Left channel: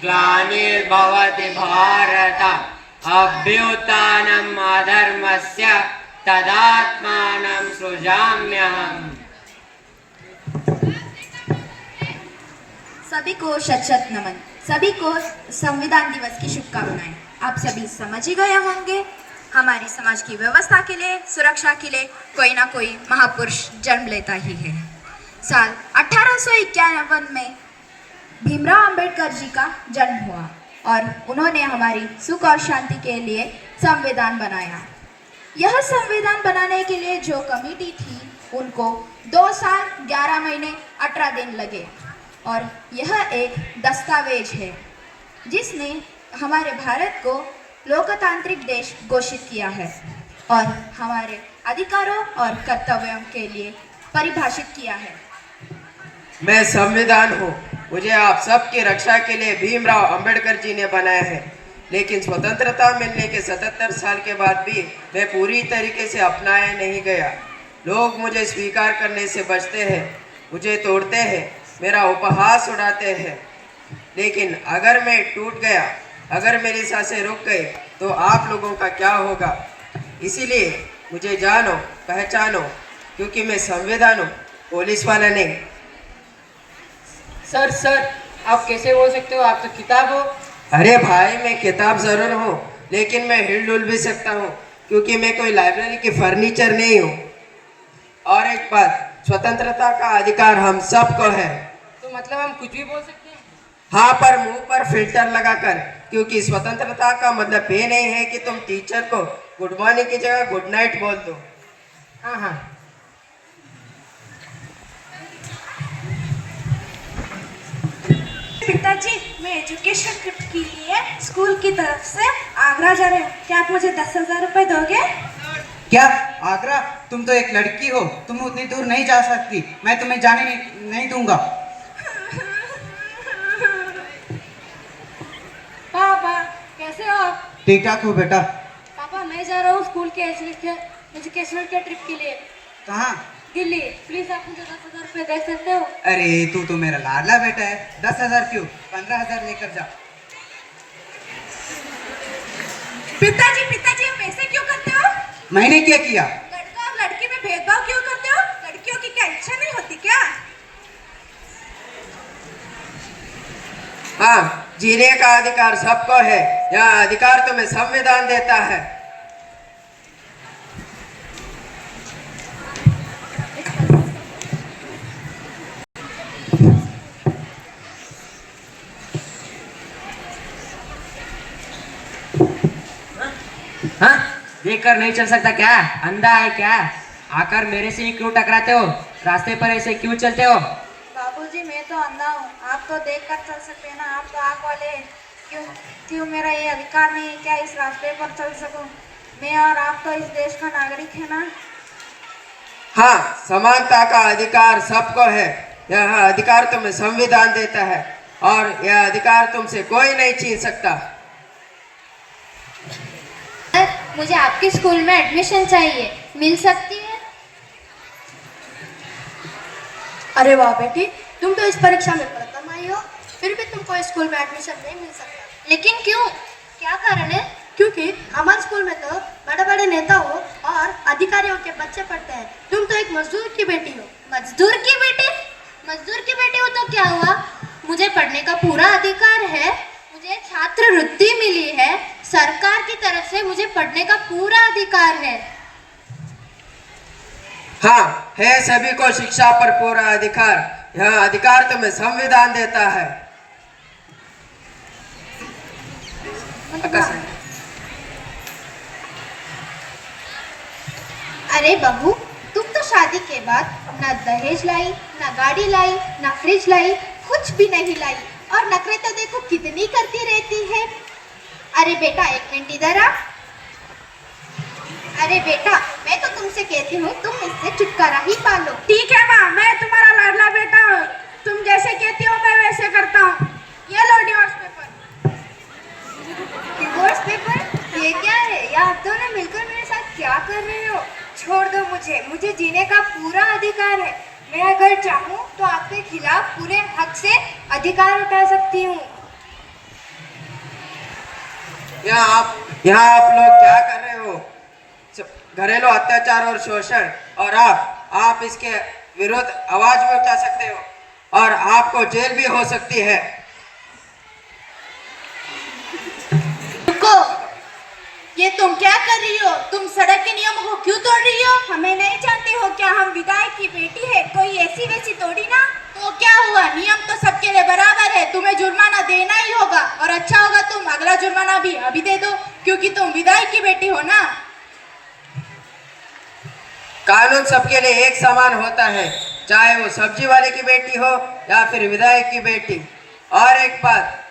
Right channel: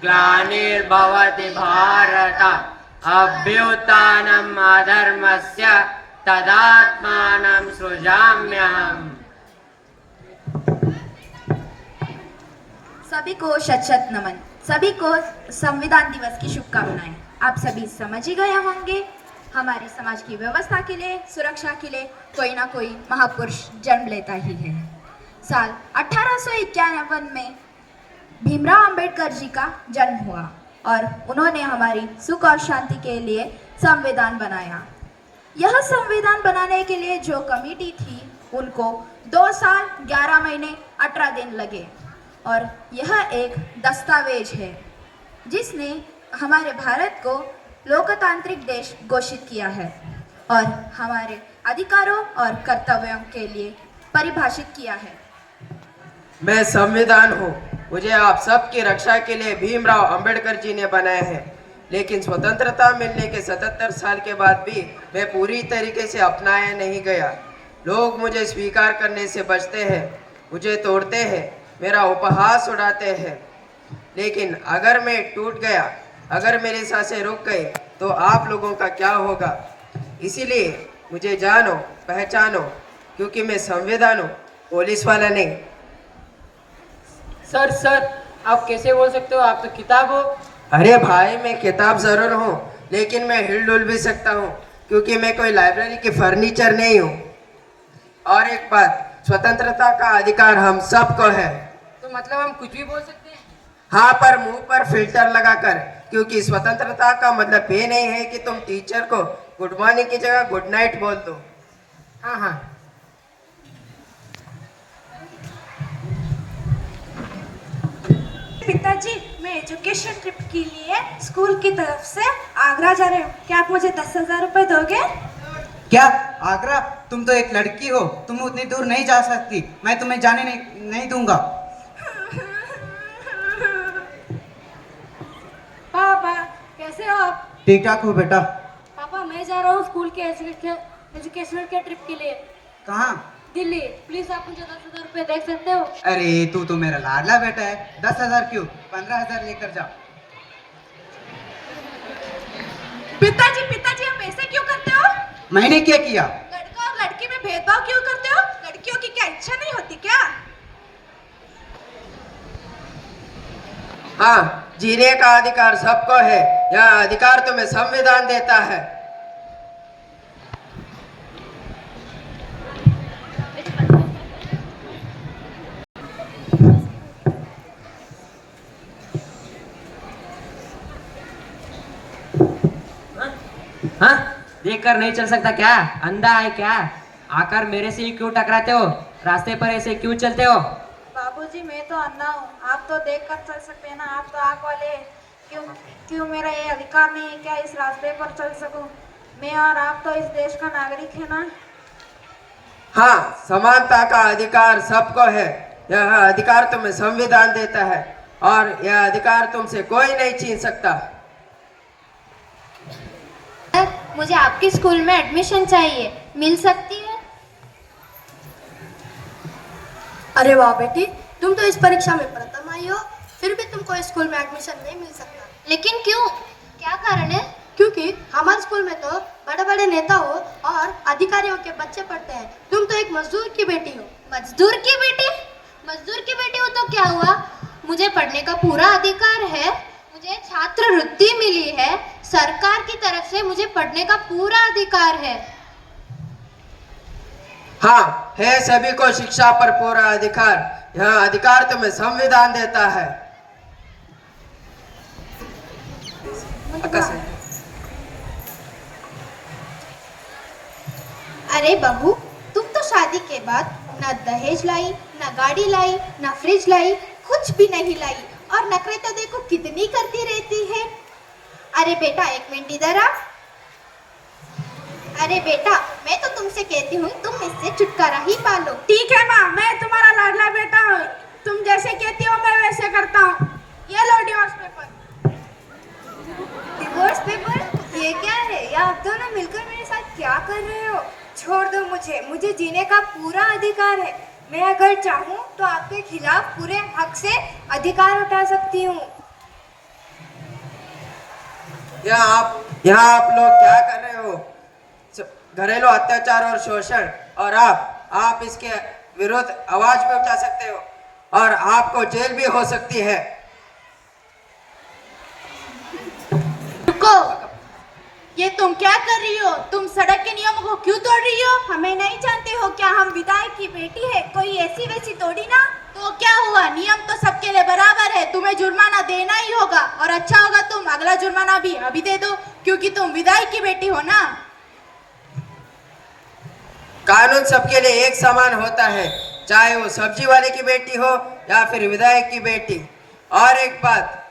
ग्लानिर्भवति भारत अभ्युत्थानम् अधर्मस्य तदात्मानं सृजाम्यहम्। सभी को शत शत नमन। सभी को संविधान दिवस की शुभकामनाएं। आप सभी समझ ही गए होंगे, हमारी समाज की व्यवस्था के लिए, सुरक्षा के लिए कोई ना कोई महापुरुष जन्म लेता ही है। साल 1851 में भीमराव अंबेडकर जी का जन्म हुआ और उन्होंने हमारी सुख और शांति के लिए संविधान बनाया। यह संविधान बनाने के लिए जो कमेटी थी उनको 2 साल 11 महीने 18 दिन लगे और यह एक दस्तावेज है जिसने हमारे भारत को लोकतांत्रिक देश घोषित किया है और हमारे अधिकारों और कर्तव्यों के लिए परिभाषित किया है। मैं संविधान हूँ, मुझे आप सबकी रक्षा के लिए भीमराव अंबेडकर जी ने बनाया है, लेकिन स्वतंत्रता मिलने के 77 साल के बाद भी मैं पूरी तरीके से अपनाया नहीं गया। लोग मुझे स्वीकार करने से बचते हैं, मुझे तोड़ते हैं, मेरा उपहास उड़ाते हैं। लेकिन अगर मैं टूट गया, अगर मेरी सांसें रुक गई तो आप लोगों का क्या होगा? इसीलिए मुझे जानो पहचानो, क्योंकि मैं संविधान हूँ, पुलिस वाला नहीं। सर आप कैसे बोल सकते हो? आप तो किताब हो। अरे भाई, मैं किताब जरूर हूँ, लेकिन मैं हिल डुल भी सकता हूँ, क्योंकि मैं कोई लाइब्रेरी की फर्नीचर नहीं हूँ। और एक बात, स्वतंत्रता का अधिकार हम सबको है। तो मतलब हम कुछ भी बोल सकते हैं? हाँ, पर मुंह पर फिल्टर लगाकर, क्योंकि स्वतंत्रता का मतलब ये नहीं है कि तुम टीचर को गुड मॉर्निंग की जगह गुड नाइट बोल दो। हाँ। पिताजी, मैं एजुकेशन ट्रिप के लिए स्कूल की तरफ से आगरा जा रहे हूँ। क्या आप मुझे 10,000 रुपए दोगे? क्या आगरा? तुम तो एक लड़की हो, तुम उतनी दूर नहीं जा सकती। मैं तुम्हें जाने नहीं दूंगा। पापा कैसे हो आप? ठीक ठाक हो बेटा। पापा मैं जा रहा हूँ स्कूल के एजुकेशनल के ट्रिप के लिए। कहाँ? दिल्ली। प्लीज आप मुझे 10,000 रुपए दे सकते हो? अरे तू तो मेरा लाडला बेटा है। 10,000 क्यों, 15,000 लेकर जा। पिताजी आप ऐसे क्यों करते हो? मैंने क्या किया? लड़का और लड़की में भेदभाव क्यों करते हो? लड़कियों की क्या इच्छा नहीं होती क्या? हाँ, जीने का अधिकार सबको है। यह अधिकार तुम्हें संविधान देता है। हाँ, देखकर नहीं चल सकता क्या? अंधा है क्या? आकर मेरे से ही क्यों टकराते हो? रास्ते पर ऐसे क्यों चलते हो? बाबूजी मैं तो अंधा हूँ, आप तो देख कर चल सकते हैं ना, आप तो आँख वाले हैं। क्यों मेरा ये अधिकार नहीं है क्या इस रास्ते पर चल सकूं? मैं और आप तो इस देश का नागरिक है ना। हाँ, समानता का अधिकार सबको है। यह अधिकार तुम्हें संविधान देता है और यह अधिकार तुमसे कोई नहीं छीन सकता। मुझे आपके स्कूल में एडमिशन चाहिए, मिल सकती है? अरे वाह बेटी, तुम तो इस परीक्षा में प्रथम आई हो, फिर भी तुमको स्कूल में एडमिशन नहीं मिल सकता। लेकिन क्यों, क्या कारण है? क्योंकि हमारे स्कूल में तो बड़े बड़े नेताओं और अधिकारियों के बच्चे पढ़ते हैं। तुम तो एक मजदूर की बेटी हो। मजदूर की बेटी? मजदूर की बेटी हो तो क्या हुआ? मुझे पढ़ने का पूरा अधिकार है, मुझे छात्रवृत्ति मिली है, सरकार की तरफ से मुझे पढ़ने का पूरा अधिकार है। हाँ, है सभी को शिक्षा पर पूरा अधिकार। यह अधिकार तुम्हें संविधान देता है। अरे बहू, तुम तो शादी के बाद न दहेज लाई, न गाड़ी लाई, न फ्रिज लाई, कुछ भी नहीं लाई, और नखरे तो देखो कितनी करती रहती है। अरे बेटा एक मिनट इधर आ। अरे बेटा, मैं तो तुमसे कहती हूँ तुम इससे छुटकारा ही पालो। ठीक है माँ, मैं तुम्हारा लाडला बेटा हूँ। तुम जैसे कहती हो मैं वैसे करता हूँ। ये लो डिवोर्स पेपर। Divorce paper? ये क्या है? या आप दोनों मिलकर मेरे साथ क्या कर रहे हो? छोड़ दो मुझे जीने का पूरा अधिकार है। मैं अगर चाहूँ तो आपके खिलाफ पूरे हक से अधिकार उठा सकती हूँ। यहाँ आप लोग क्या कर रहे हो? घरेलू अत्याचार और शोषण, और आप इसके विरुद्ध आवाज भी उठा सकते हो और आपको जेल भी हो सकती है। रुको, ये तुम क्या कर रही हो? तुम सड़क के नियम को क्यों तोड़ रही हो? हमें नहीं जानते हो क्या हम विधायक की बेटी है? कोई ऐसी वैसी तोड़ी ना। तो क्या हुआ, नियम तो सबके लिए बराबर है। तुम्हें जुर्माना देना ही होगा, और अच्छा होगा तुम अगला जुर्माना भी अभी दे दो, क्योंकि तुम विधायक की बेटी हो ना। कानून सबके लिए एक समान होता है, चाहे वो सब्जी वाले की बेटी हो या फिर विधायक की बेटी। और एक बात,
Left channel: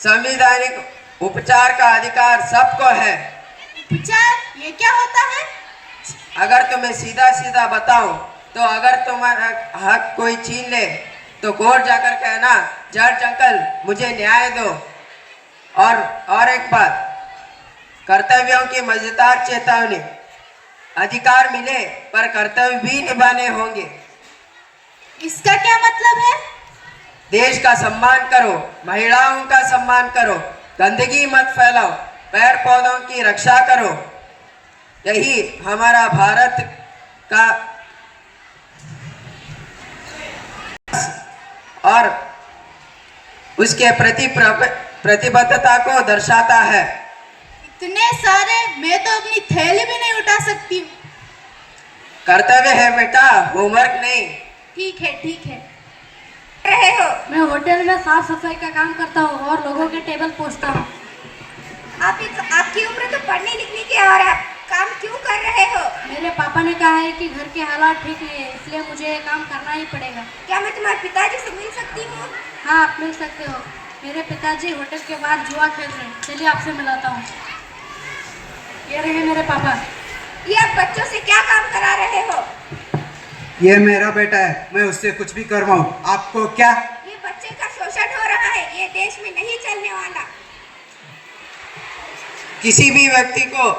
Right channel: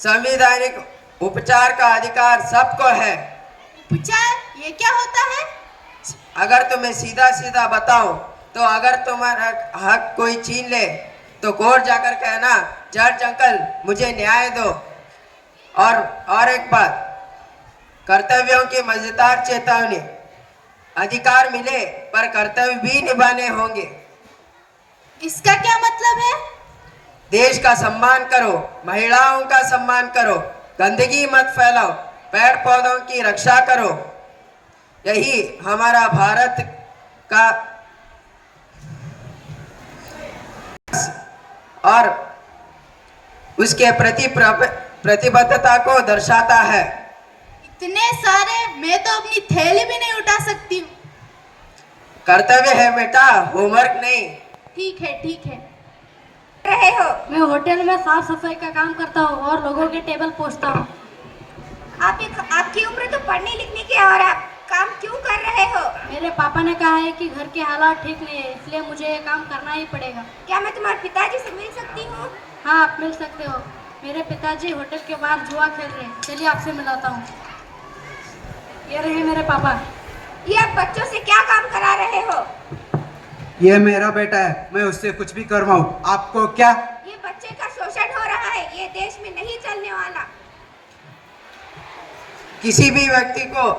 संवैधानिक उपचार का अधिकार सबको है। उपचार, ये क्या होता है? अगर तुम्हें सीधा सीधा बताऊं तो अगर तुम्हारा हक कोई छीन ले तो कोर्ट जाकर कहना, जज अंकल मुझे न्याय दो। और एक बात, कर्तव्यों की मजेदार चेतावनी, अधिकार मिले पर कर्तव्य भी निभाने होंगे। इसका क्या मतलब है? देश का सम्मान करो, महिलाओं का सम्मान करो, गंदगी मत फैलाओ, पेड़ पौधों की रक्षा करो। यही हमारा भारत का और उसके प्रति प्रतिबद्धता को दर्शाता है। इतने सारे, मैं तो अपनी थैली भी नहीं उठा सकती हूँ। कर्तव्य है बेटा, होमवर्क नहीं। ठीक है, ठीक है। रहे हो? मैं होटल में साफ सफाई का काम करता हूँ और लोगों के टेबल पोंछता हूँ। आपकी उम्र तो पढ़ने लिखने की है और आप काम क्यों कर रहे हो? मेरे पापा ने कहा है कि घर के हालात ठीक नहीं है, इसलिए मुझे ये काम करना ही पड़ेगा। क्या मैं तुम्हारे पिताजी से मिल सकती हूँ? हाँ, आप मिल सकते हो। मेरे पिताजी होटल के बाहर जुआ खेल रहे हैं, चलिए आपसे मिलाता हूँ। ये रहे मेरे पापा। ये आप बच्चों से क्या काम करा रहे हो? ये मेरा बेटा है, मैं उससे कुछ भी करवाऊं, आपको क्या? ये बच्चे का शोषण हो रहा है, ये देश में नहीं चलने वाला। किसी भी व्यक्ति को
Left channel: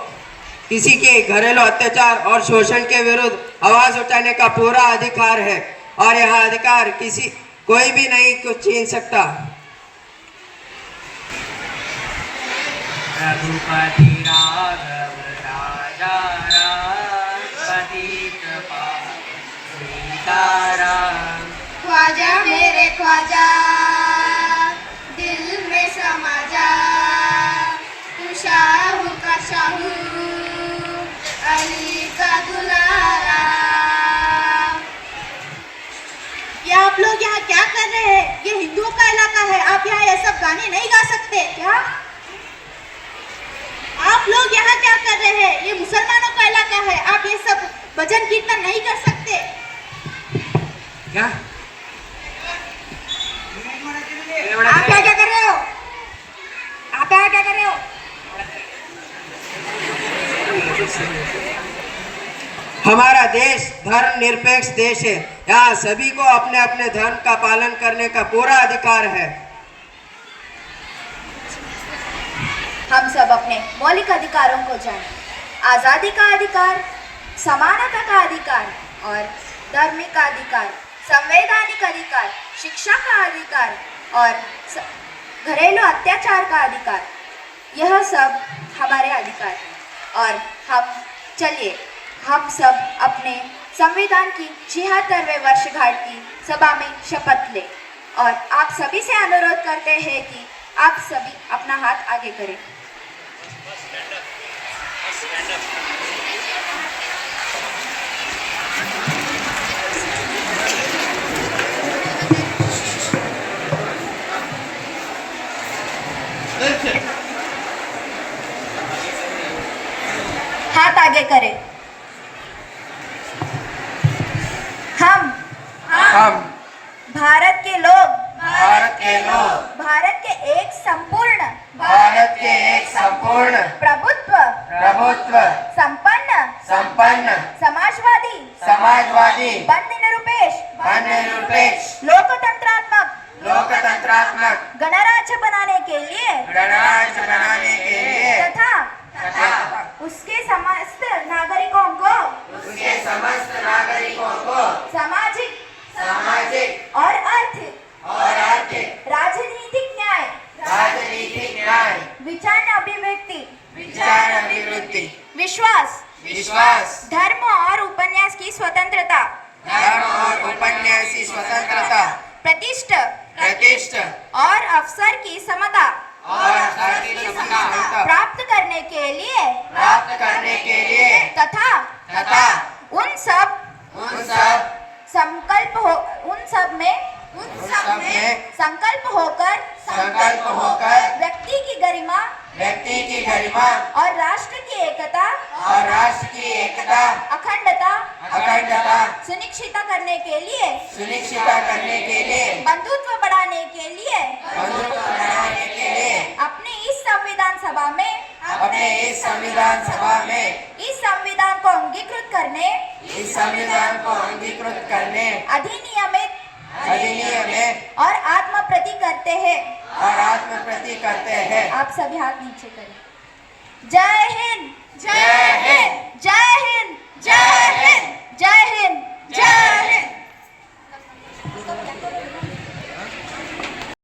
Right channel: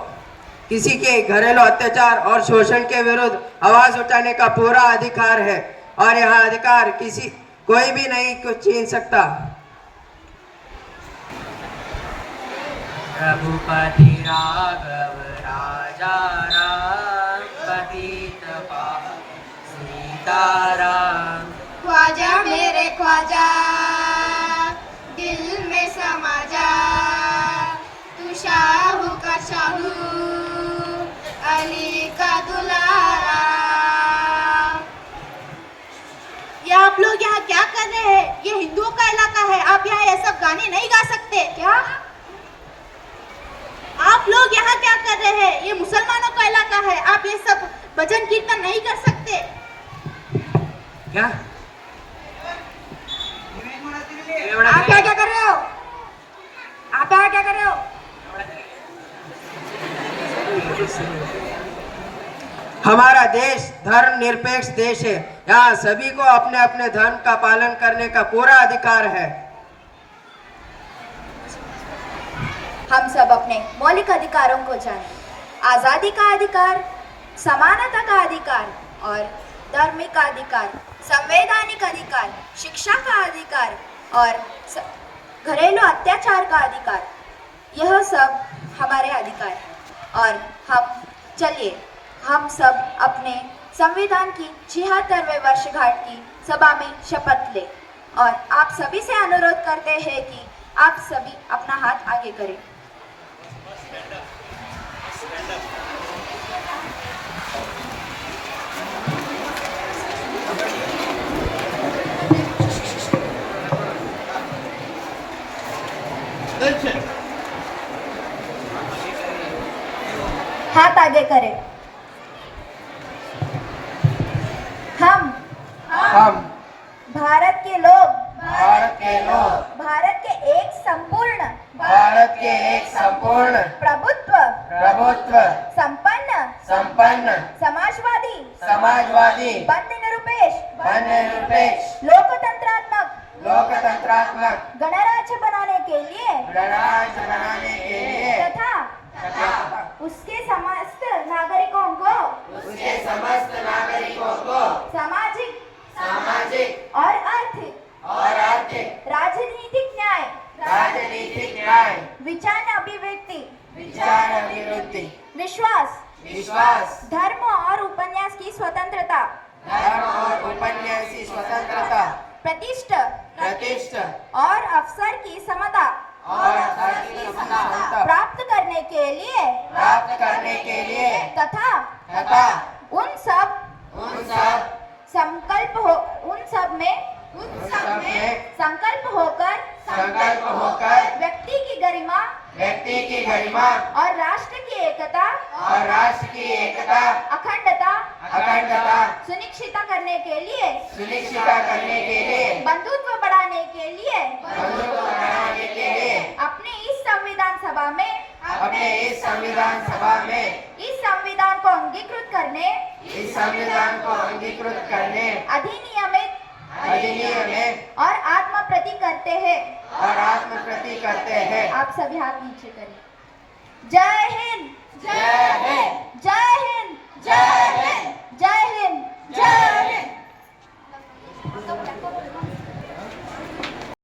किसी के घरेलू अत्याचार और शोषण के विरुद्ध आवाज उठाने का पूरा अधिकार है, और यह अधिकार कोई भी नहीं कुछ छीन सकता। रघुपति राघव राजा राम, पतित पावन सीताराम। ख्वाजा मेरे ख्वाजा, दिल में समा जा, तू शाहू का शाहू, अली का दुलारा। ये आप लोग यहाँ क्या कर रहे हैं? ये हिंदुओं का इलाका है, आप यहाँ ये सब गाने नहीं गा सकते। क्या आप लोग यहाँ क्या कर रहे हैं? ये मुसलमानों का इलाका है, आप ये सब भजन कीर्तन नहीं कर सकते। क्या आप यहाँ क्या कर रहे हो? आप यहाँ क्या कर रहे हो? हमारा देश धर्म निरपेक्ष देश है, यहाँ सभी को अपने अपने धर्म का पालन करने का पूरा अधिकार है। हम सब अपने मौलिक अधिकारों को जानें। आज़ादी का अधिकार, समानता का अधिकार और धार्मिक का अधिकार, संवैधानिक अधिकार, शिक्षा का अधिकार और घरेलू अत्याचार का अधिकार, यह सब हमारे अधिकार हैं। और हम सब अपने संविधान की 76वें वर्षगांठ की सभा में शपथ लें, और आप सभी से अनुरोध करते हैं कि आप सभी अपना हाथ आगे करें। हाथ आगे करें। हम भारत के लोग भारत के एक संपूर्ण प्रभुत्व संपन्न समाजवादी बंद निरपेक्ष लोकतंत्रात्मक गणराज्य बनाने के लिए तथा उसके समस्त नागरिकों को सामाजिक और आर्थिक राजनीतिक न्याय विचार अभिव्यक्ति प्रतिष्ठा और अवसर की समता और अवसर की समता प्राप्त करने के लिए तथा तथा उन सब संकल्प होकर व्यक्ति की गरिमा और राष्ट्र की एकता अखंडता सुनिश्चित करने के लिए बंधुत्व बढ़ाने के लिए अपने इस संविधान सभा में इस संविधान को अंगीकृत करने अधिनियमित और आत्मप्रति करते हैं। आप सभी हाथ नीचे करें। जय